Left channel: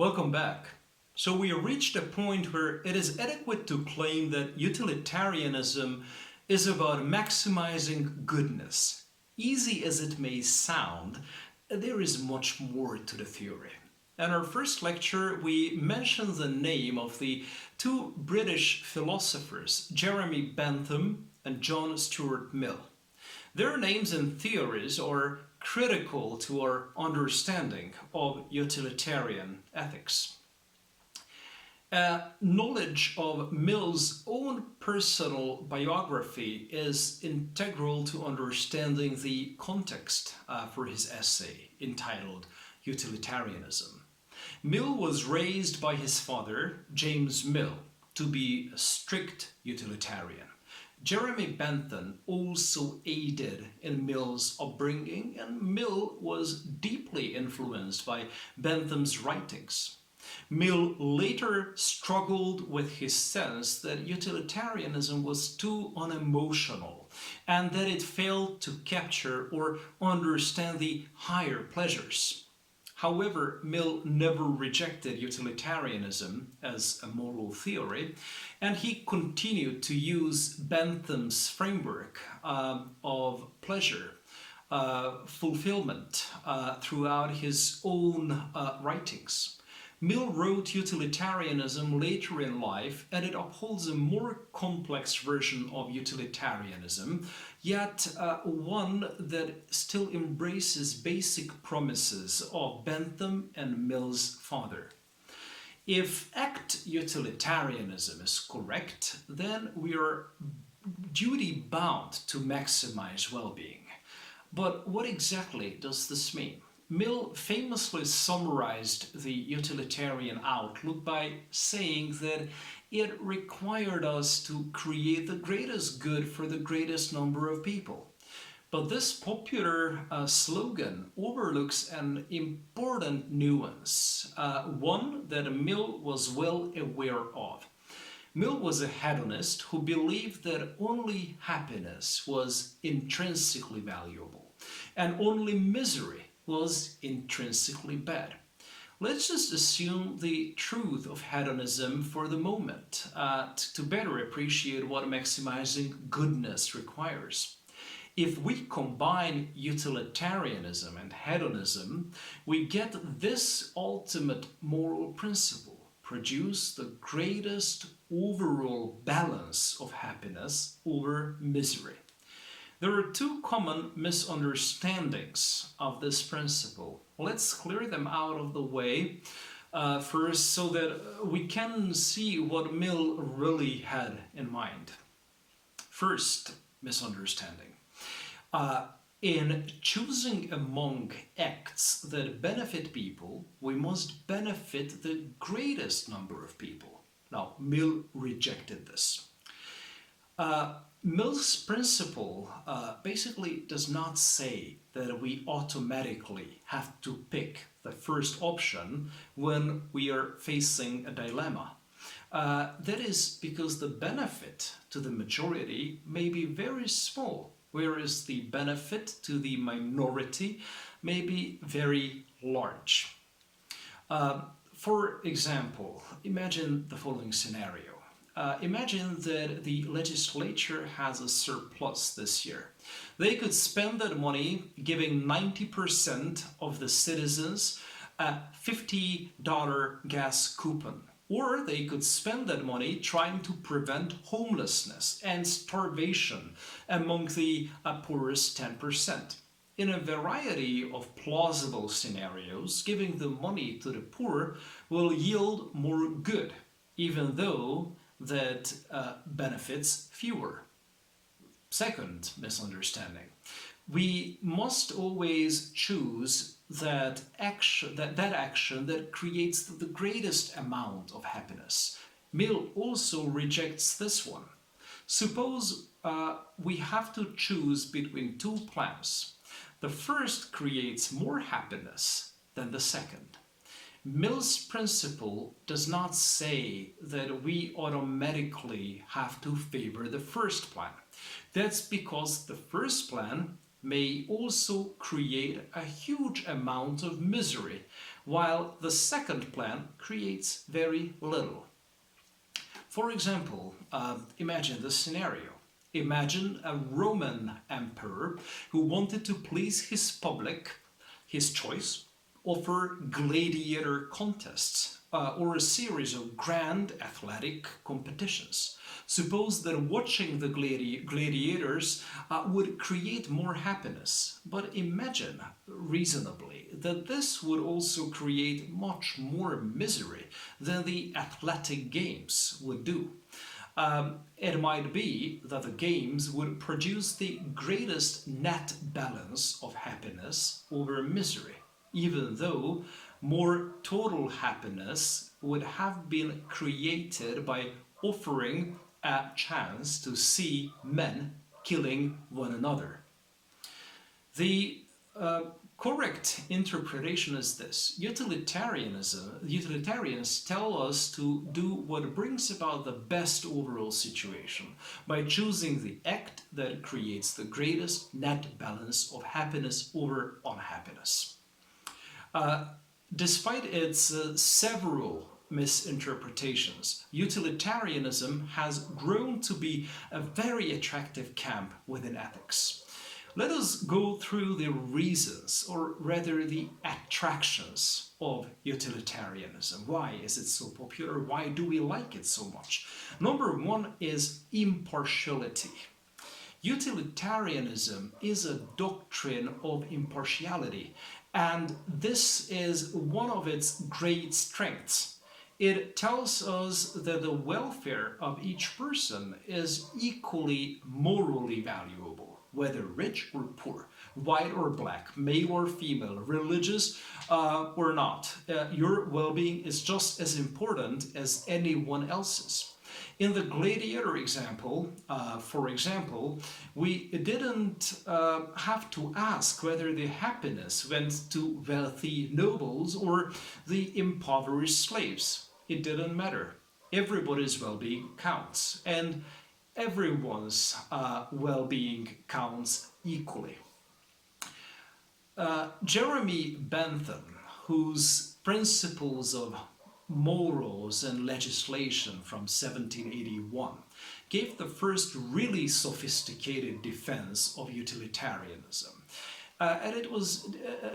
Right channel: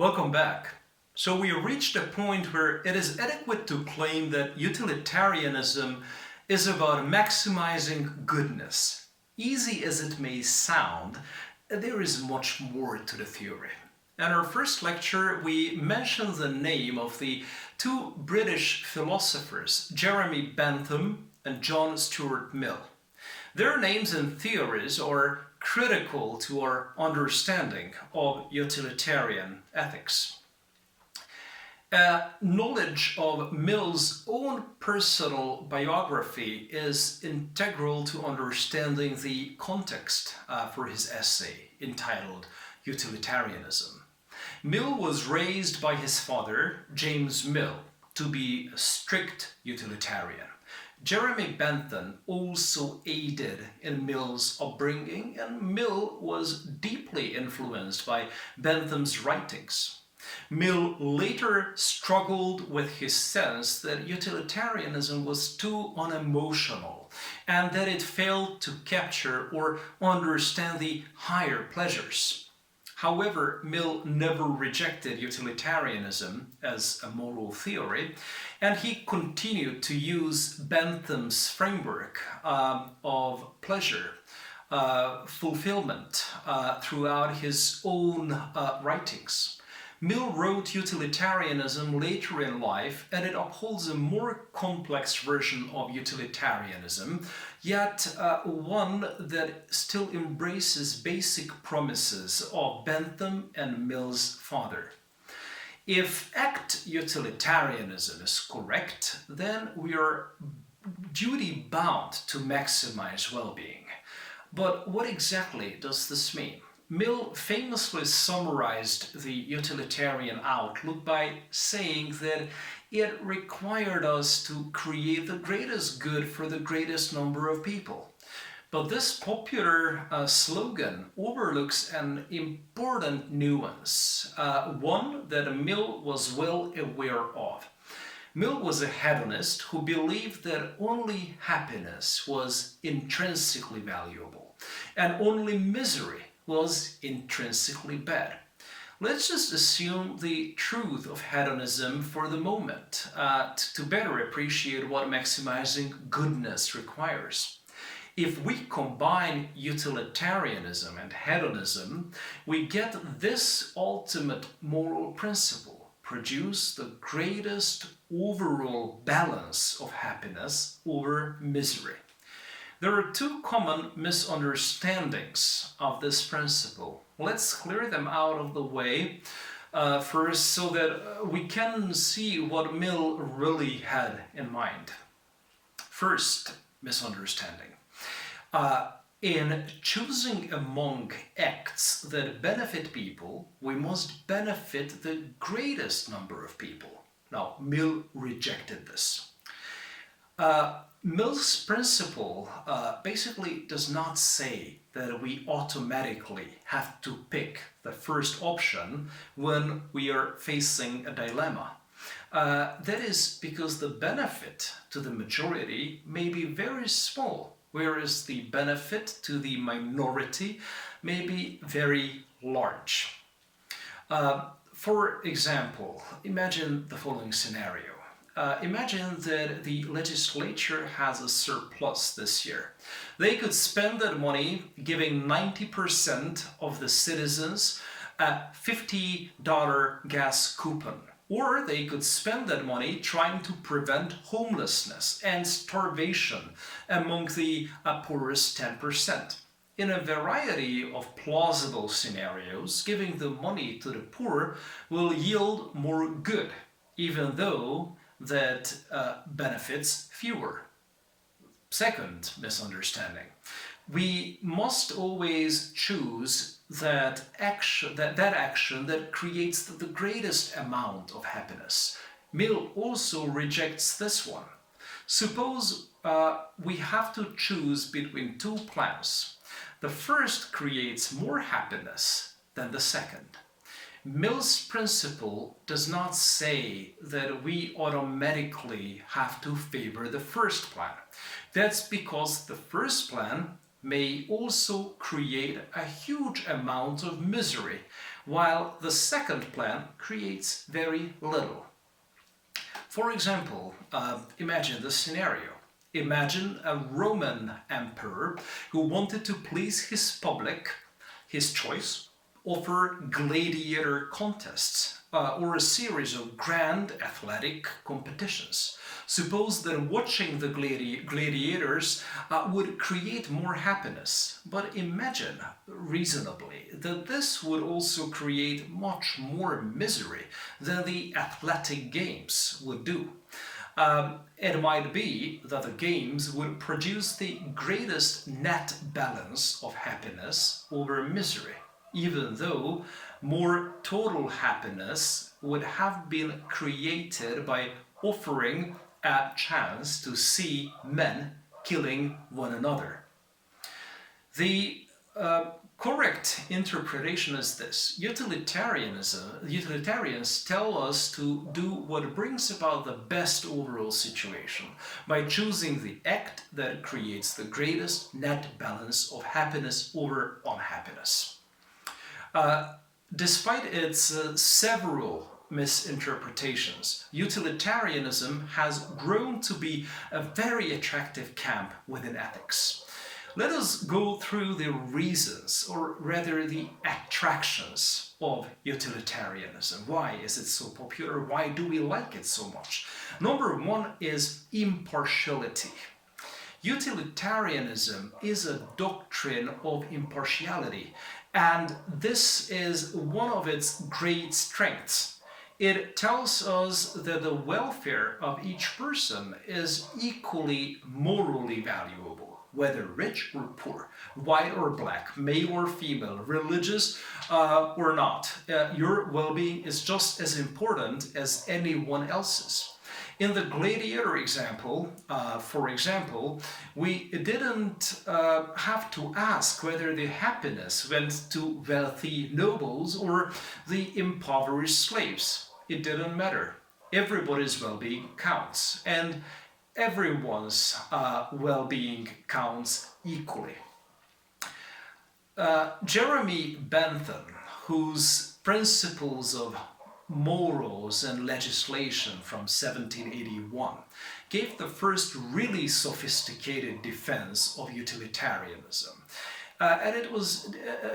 Welcome back. So we have reached a point where it is adequate to claim that utilitarianism is about maximizing goodness. Easy as it may sound, there is much more to the theory. In our first lecture, we mentioned the name of the two British philosophers, Jeremy Bentham and John Stuart Mill. Their names and theories are critical to our understanding of utilitarian ethics. Knowledge of Mill's own personal biography is integral to understanding the context for his essay entitled Utilitarianism. Mill was raised by his father, James Mill, to be a strict utilitarian. Jeremy Bentham also aided in Mill's upbringing, and Mill was deeply influenced by Bentham's writings. Mill later struggled with his sense that utilitarianism was too unemotional and that it failed to capture or understand the higher pleasures. However, Mill never rejected utilitarianism as a moral theory, and he continued to use Bentham's framework of pleasure, fulfillment throughout his own writings. Mill wrote Utilitarianism later in life, and it upholds a more complex version of utilitarianism, yet one that still embraces basic promises of Bentham and Mill's father. If act utilitarianism is correct, then we are duty-bound to maximize well-being. But what exactly does this mean? Mill famously summarized the utilitarian outlook by saying that it required us to create the greatest good for the greatest number of people. But this popular slogan overlooks an important nuance, one that Mill was well aware of. Mill was a hedonist who believed that only happiness was intrinsically valuable, and only misery was intrinsically bad. Let's just assume the truth of hedonism for the moment to better appreciate what maximizing goodness requires. If we combine utilitarianism and hedonism, we get this ultimate moral principle: produce the greatest overall balance of happiness over misery. There are two common misunderstandings of this principle. Let's clear them out of the way first so that we can see what Mill really had in mind. First misunderstanding. In choosing among acts that benefit people, we must benefit the greatest number of people. Now, Mill rejected this. Mill's principle basically does not say that we automatically have to pick the first option when we are facing a dilemma. That is because the benefit to the majority may be very small, whereas the benefit to the minority may be very large. For example, imagine the following scenario. Imagine that the legislature has a surplus this year. They could spend that money giving 90% of the citizens a $50 gas coupon. Or they could spend that money trying to prevent homelessness and starvation among the poorest 10%. In a variety of plausible scenarios, giving the money to the poor will yield more good, even though that benefits fewer. Second misunderstanding. We must always choose that action that creates the greatest amount of happiness. Mill also rejects this one. Suppose we have to choose between two plans. The first creates more happiness than the second. Mill's principle does not say that we automatically have to favor the first plan. That's because the first plan may also create a huge amount of misery, while the second plan creates very little. For example, imagine this scenario. Imagine a Roman emperor who wanted to please his public, his choice, offer gladiator contests or a series of grand athletic competitions. Suppose that watching the gladiators would create more happiness, but imagine reasonably that this would also create much more misery than the athletic games would do. It might be that the games would produce the greatest net balance of happiness over misery, even though more total happiness would have been created by offering a chance to see men killing one another. The correct interpretation is this. Utilitarians tell us to do what brings about the best overall situation by choosing the act that creates the greatest net balance of happiness over unhappiness. Despite its several misinterpretations, utilitarianism has grown to be a very attractive camp within ethics. Let us go through the reasons, or rather the attractions of utilitarianism. Why is it so popular? Why do we like it so much? Number one is impartiality. Utilitarianism is a doctrine of impartiality, and this is one of its great strengths. It tells us that the welfare of each person is equally morally valuable, whether rich or poor, white or black, male or female, religious or not. Your well-being is just as important as anyone else's. In the gladiator example, for example, we didn't have to ask whether the happiness went to wealthy nobles or the impoverished slaves. It didn't matter. Everybody's well-being counts, and everyone's well-being counts equally. Jeremy Bentham, whose Principles of Morals and Legislation from 1781 gave the first really sophisticated defense of utilitarianism. And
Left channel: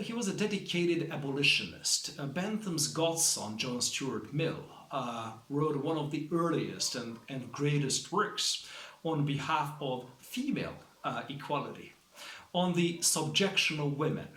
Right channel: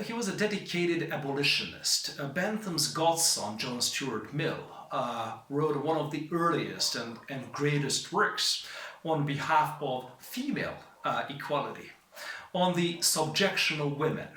he was a dedicated abolitionist. Bentham's godson, John Stuart Mill, wrote one of the earliest and greatest works on behalf of female equality. On the subjection of women,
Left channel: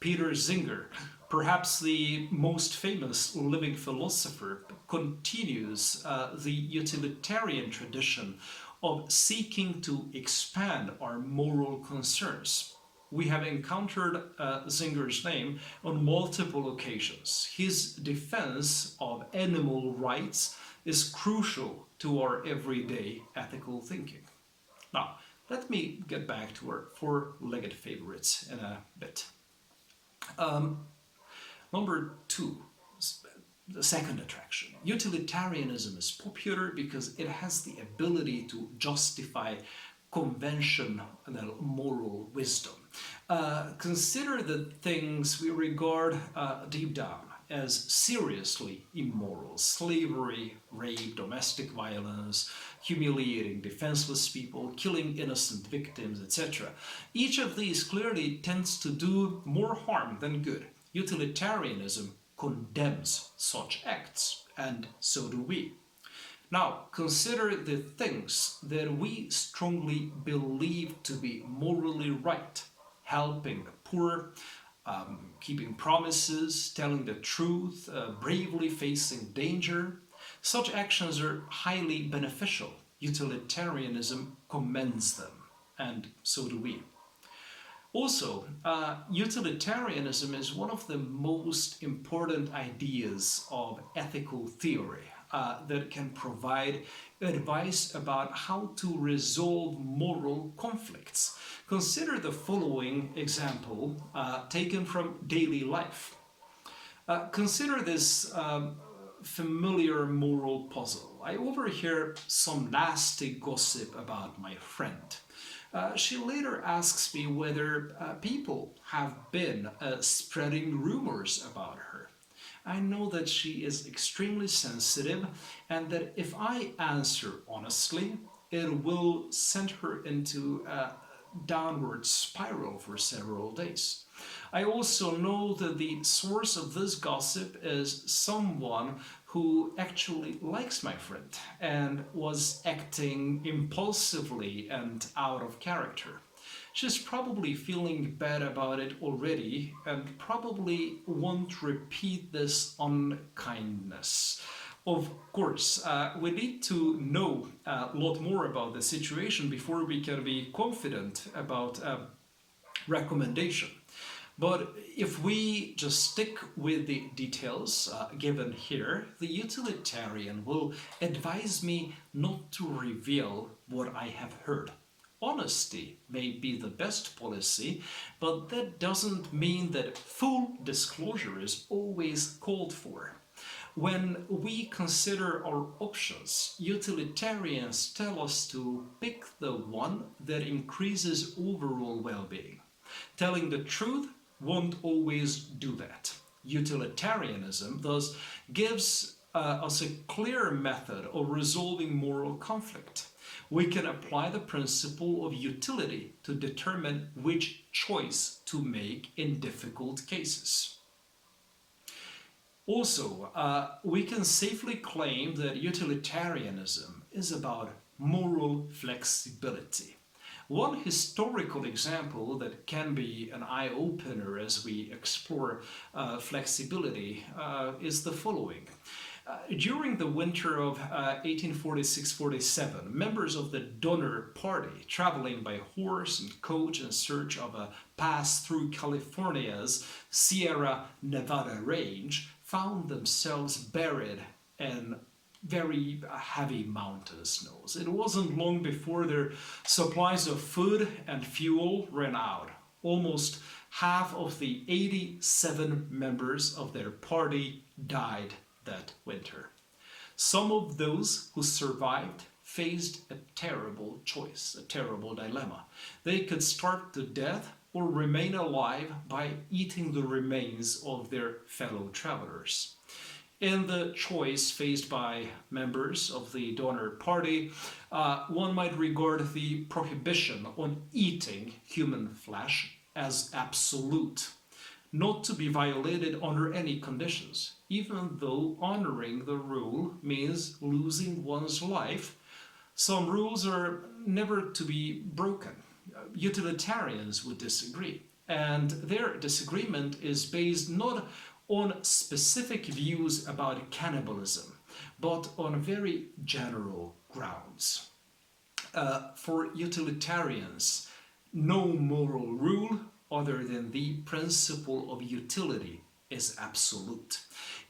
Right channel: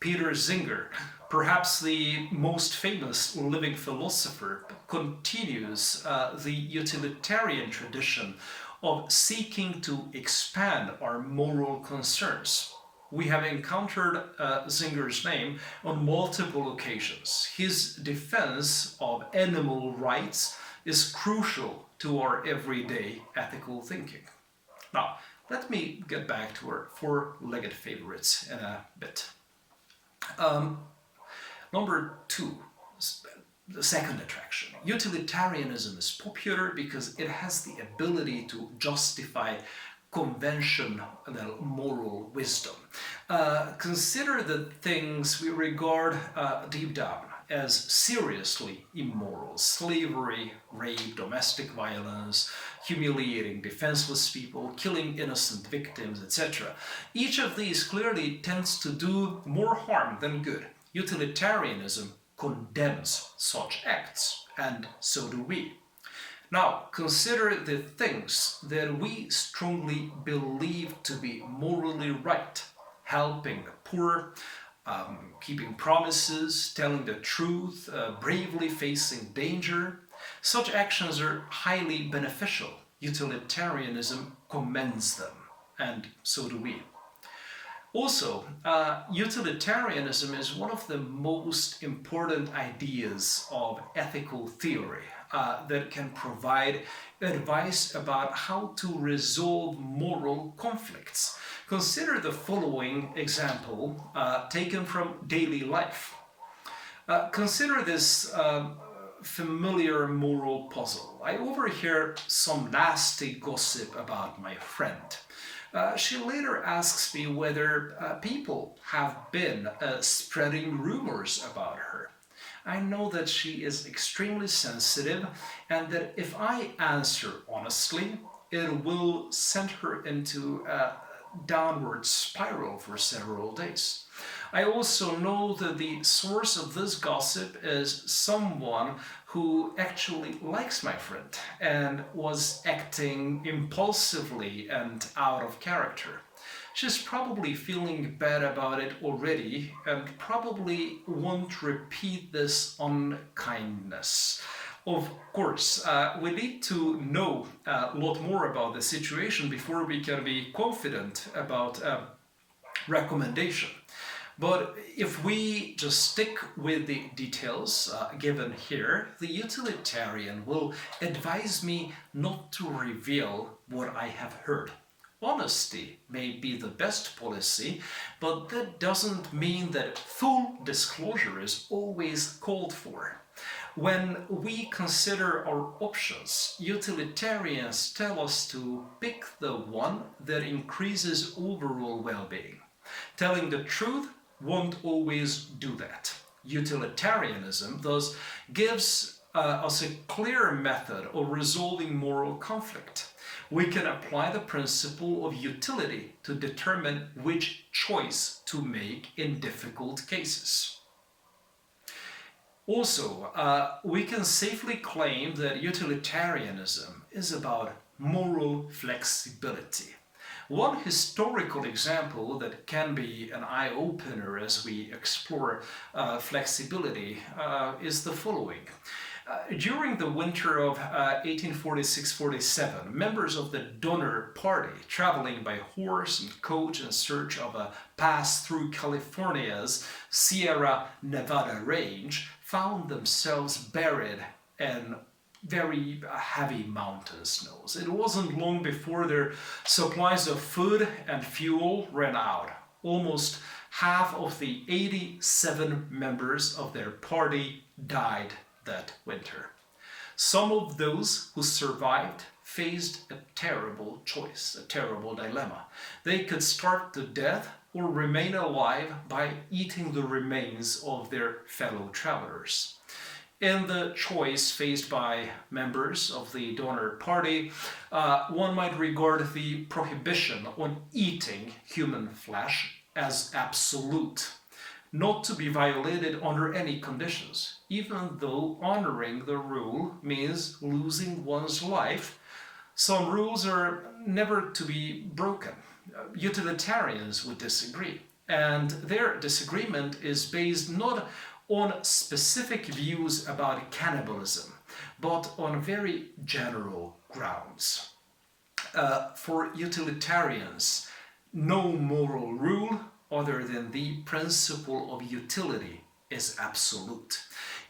Peter Singer, perhaps the most famous living philosopher, continues the utilitarian tradition of seeking to expand our moral concerns. We have encountered Singer's name on multiple occasions. His defense of animal rights is crucial to our everyday ethical thinking. Now, let me get back to our four-legged favorites in a bit. Number two, the second attraction. Utilitarianism is popular because it has the ability to justify conventional moral wisdom. Consider the things we regard deep down as seriously immoral: slavery, rape, domestic violence, humiliating defenseless people, killing innocent victims, etc. Each of these clearly tends to do more harm than good. Utilitarianism condemns such acts, and so do we. Now, consider the things that we strongly believe to be morally right: helping the poor, keeping promises, telling the truth, bravely facing danger. Such actions are highly beneficial. Utilitarianism commends them, and so do we. Also, utilitarianism is one of the most important ideas of ethical theory that can provide advice about how to resolve moral conflicts. Consider the following example taken from daily life. Consider this familiar moral puzzle. I overhear some nasty gossip about my friend. She later asks me whether people have been spreading rumors about her. I know that she is extremely sensitive and that if I answer honestly, it will send her into a downward spiral for several days. I also know that the source of this gossip is someone who actually likes my friend and was acting impulsively and out of character. She's probably feeling bad about it already and probably won't repeat this unkindness. Of course, we need to know a lot more about the situation before we can be confident about a recommendation. But if we just stick with the details given here, the utilitarian will advise me not to reveal what I have heard. Honesty may be the best policy, but that doesn't mean that full disclosure is always called for. When we consider our options, utilitarians tell us to pick the one that increases overall well-being. Telling the truth won't always do that. Utilitarianism thus gives us a clear method of resolving moral conflict. We can apply the principle of utility to determine which choice to make in difficult cases. Also, we can safely claim that utilitarianism is about moral flexibility. One historical example that can be an eye-opener as we explore flexibility is the following. During the winter of 1846-47, members of the Donner Party, traveling by horse and coach in search of a pass through California's Sierra Nevada range, found themselves buried in very heavy mountain snows. It wasn't long before their supplies of food and fuel ran out. Almost half of the 87 members of their party died that winter. Some of those who survived faced a terrible choice, a terrible dilemma. They could starve to death or remain alive by eating the remains of their fellow travelers. In the choice faced by members of the Donner Party, one might regard the prohibition on eating human flesh as absolute, not to be violated under any conditions, even though honoring the rule means losing one's life. Some rules are never to be broken. Utilitarians would disagree, and their disagreement is based not on specific views about cannibalism, but on very general grounds. For utilitarians, no moral rule other than the principle of utility is absolute.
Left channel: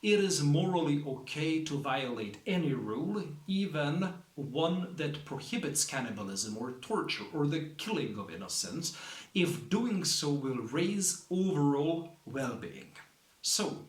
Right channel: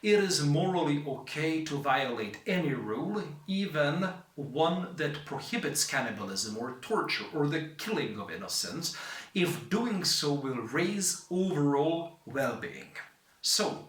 It is morally okay to violate any rule, even one that prohibits cannibalism or torture or the killing of innocents, if doing so will raise overall well-being. So,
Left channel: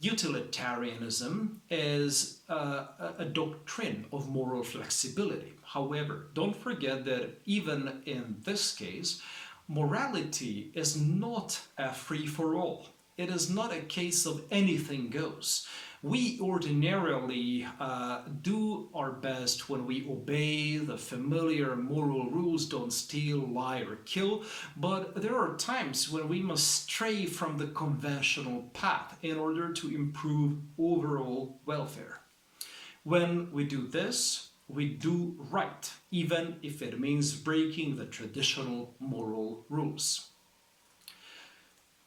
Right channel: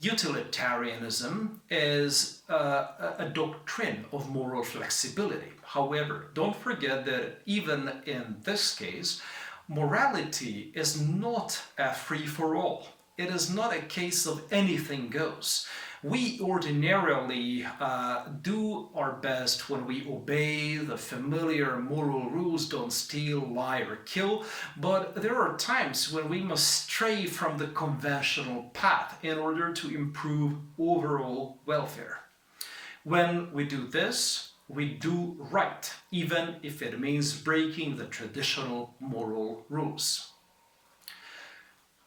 utilitarianism is a doctrine of moral flexibility. However, don't forget that even in this case, morality is not a free-for-all. It is not a case of anything goes. We ordinarily do our best when we obey the familiar moral rules, don't steal, lie, or kill, but there are times when we must stray from the conventional path in order to improve overall welfare. When we do this, we do right, even if it means breaking the traditional moral rules.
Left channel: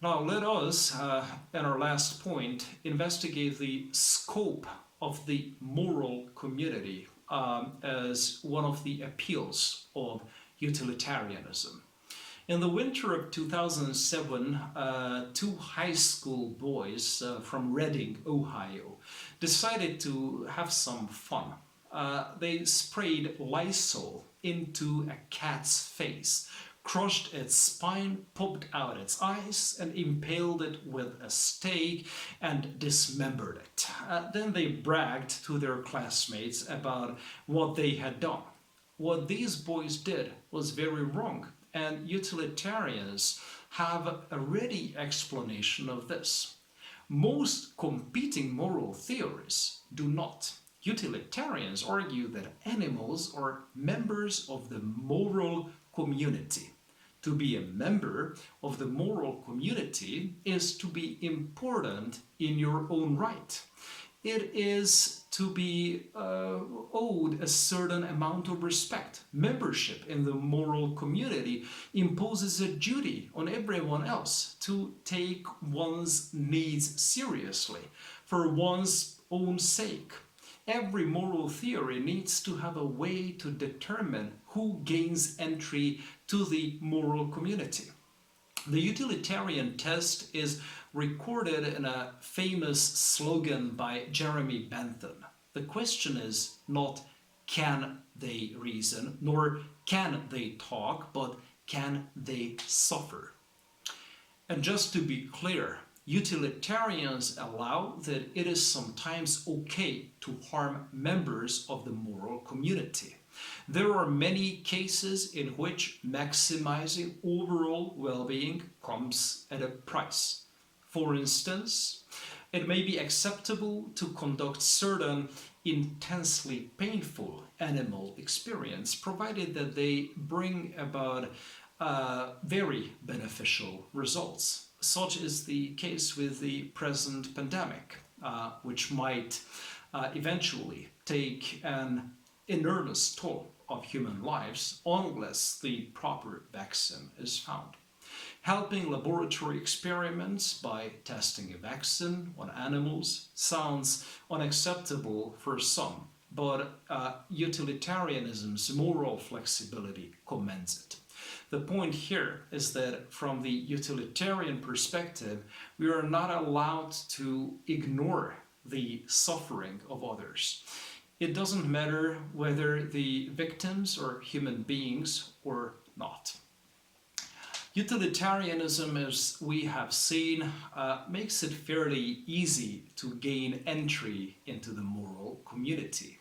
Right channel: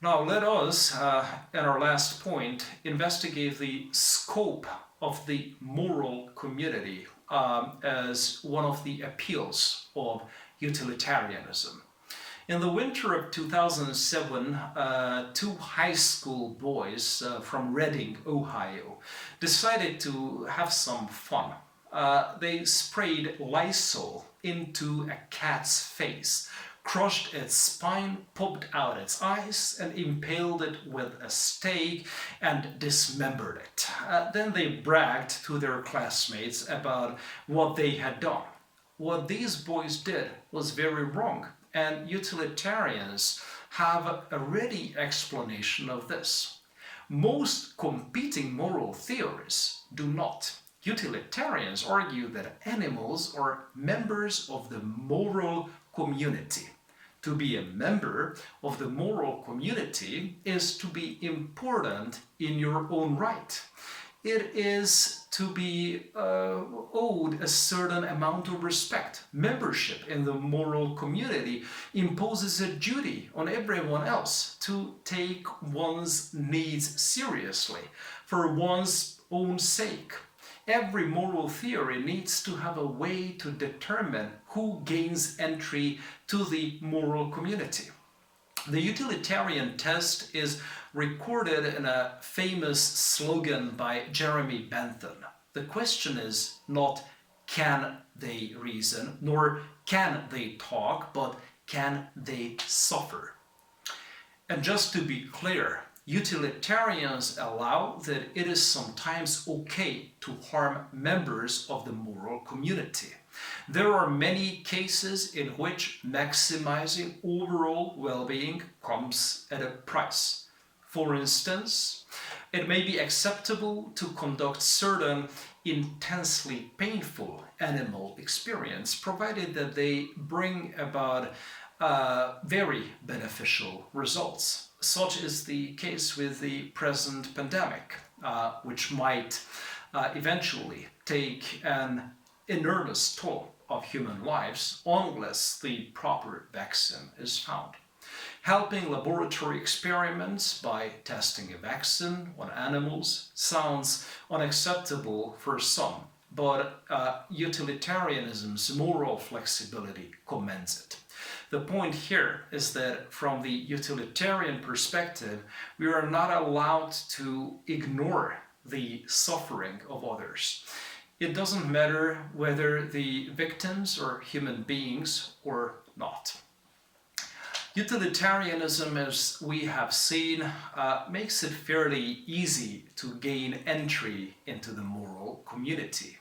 Now let us, in our last point, investigate the scope of the moral community as one of the appeals of utilitarianism. In the winter of 2007, two high school boys from Reading, Ohio, decided to have some fun. They sprayed Lysol into a cat's face, crushed its spine, popped out its eyes, and impaled it with a stake and dismembered it. Then they bragged to their classmates about what they had done. what these boys did was very wrong, and utilitarians have a ready explanation of this. Most competing moral theories do not. Utilitarians argue that animals are members of the moral community. To be a member of the moral community is to be important in your own right. It is to be owed a certain amount of respect. Membership in the moral community imposes a duty on everyone else to take one's needs seriously for one's own sake. Every moral theory needs to have a way to determine who gains entry to the moral community. The utilitarian test is recorded in a famous slogan by Jeremy Bentham. The question is not can they reason, nor can they talk, but can they suffer? And just to be clear, utilitarians allow that it is sometimes okay to harm members of the moral community. There are many cases in which maximizing overall well-being comes at a price. For instance, it may be acceptable to conduct certain intensely painful animal experience, provided that they bring about very beneficial results. Such is the case with the present pandemic, which might eventually take an enormous toll of human lives unless the proper vaccine is found. Helping laboratory experiments by testing a vaccine on animals sounds unacceptable for some, but utilitarianism's moral flexibility commends it. The point here is that from the utilitarian perspective, we are not allowed to ignore the suffering of others. It doesn't matter whether the victims are human beings or not. Utilitarianism, as we have seen, makes it fairly easy to gain entry into the moral community.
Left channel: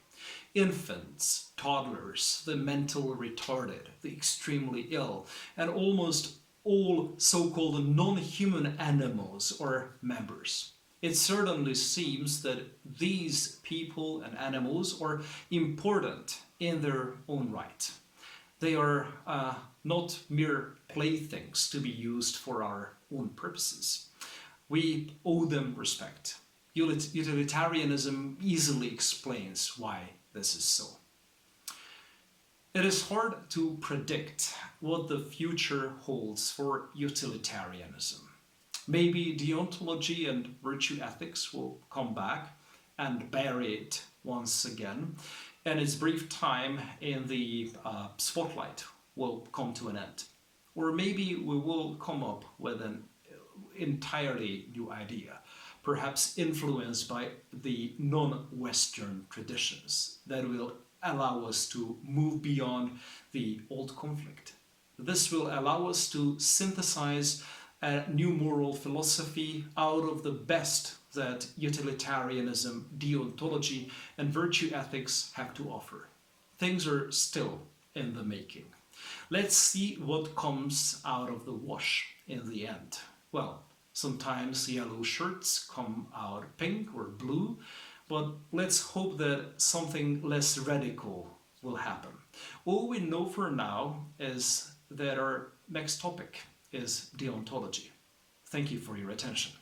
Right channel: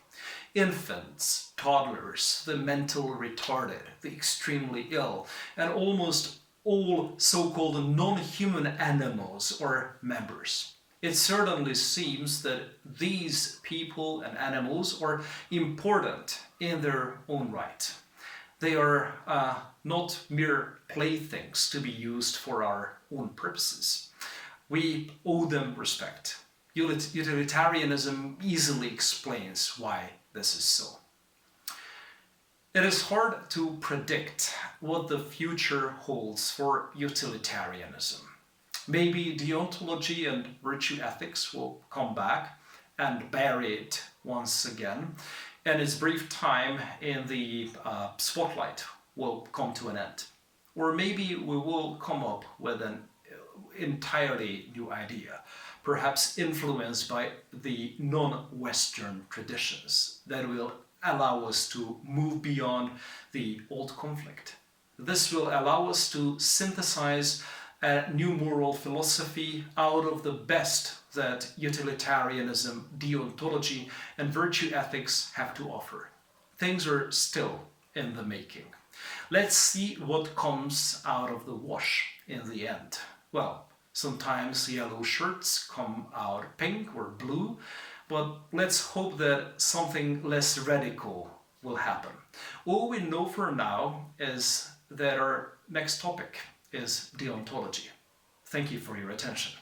Infants, toddlers, the mentally retarded, the extremely ill, and almost all so-called non-human animals are members. It certainly seems that these people and animals are important in their own right. They are not mere playthings to be used for our own purposes. We owe them respect. Utilitarianism easily explains why this is so. It is hard to predict what the future holds for utilitarianism. Maybe deontology and virtue ethics will come back and bury it once again, and its brief time in the spotlight will come to an end. Or maybe we will come up with an entirely new idea, perhaps influenced by the non-Western traditions that will allow us to move beyond the old conflict. This will allow us to synthesize a new moral philosophy out of the best that utilitarianism, deontology, and virtue ethics have to offer. Things are still in the making. Let's see what comes out of the wash in the end. Well, sometimes yellow shirts come out pink or blue, but let's hope that something less radical will happen. All we know for now is that our next topic is deontology. Thank you for your attention.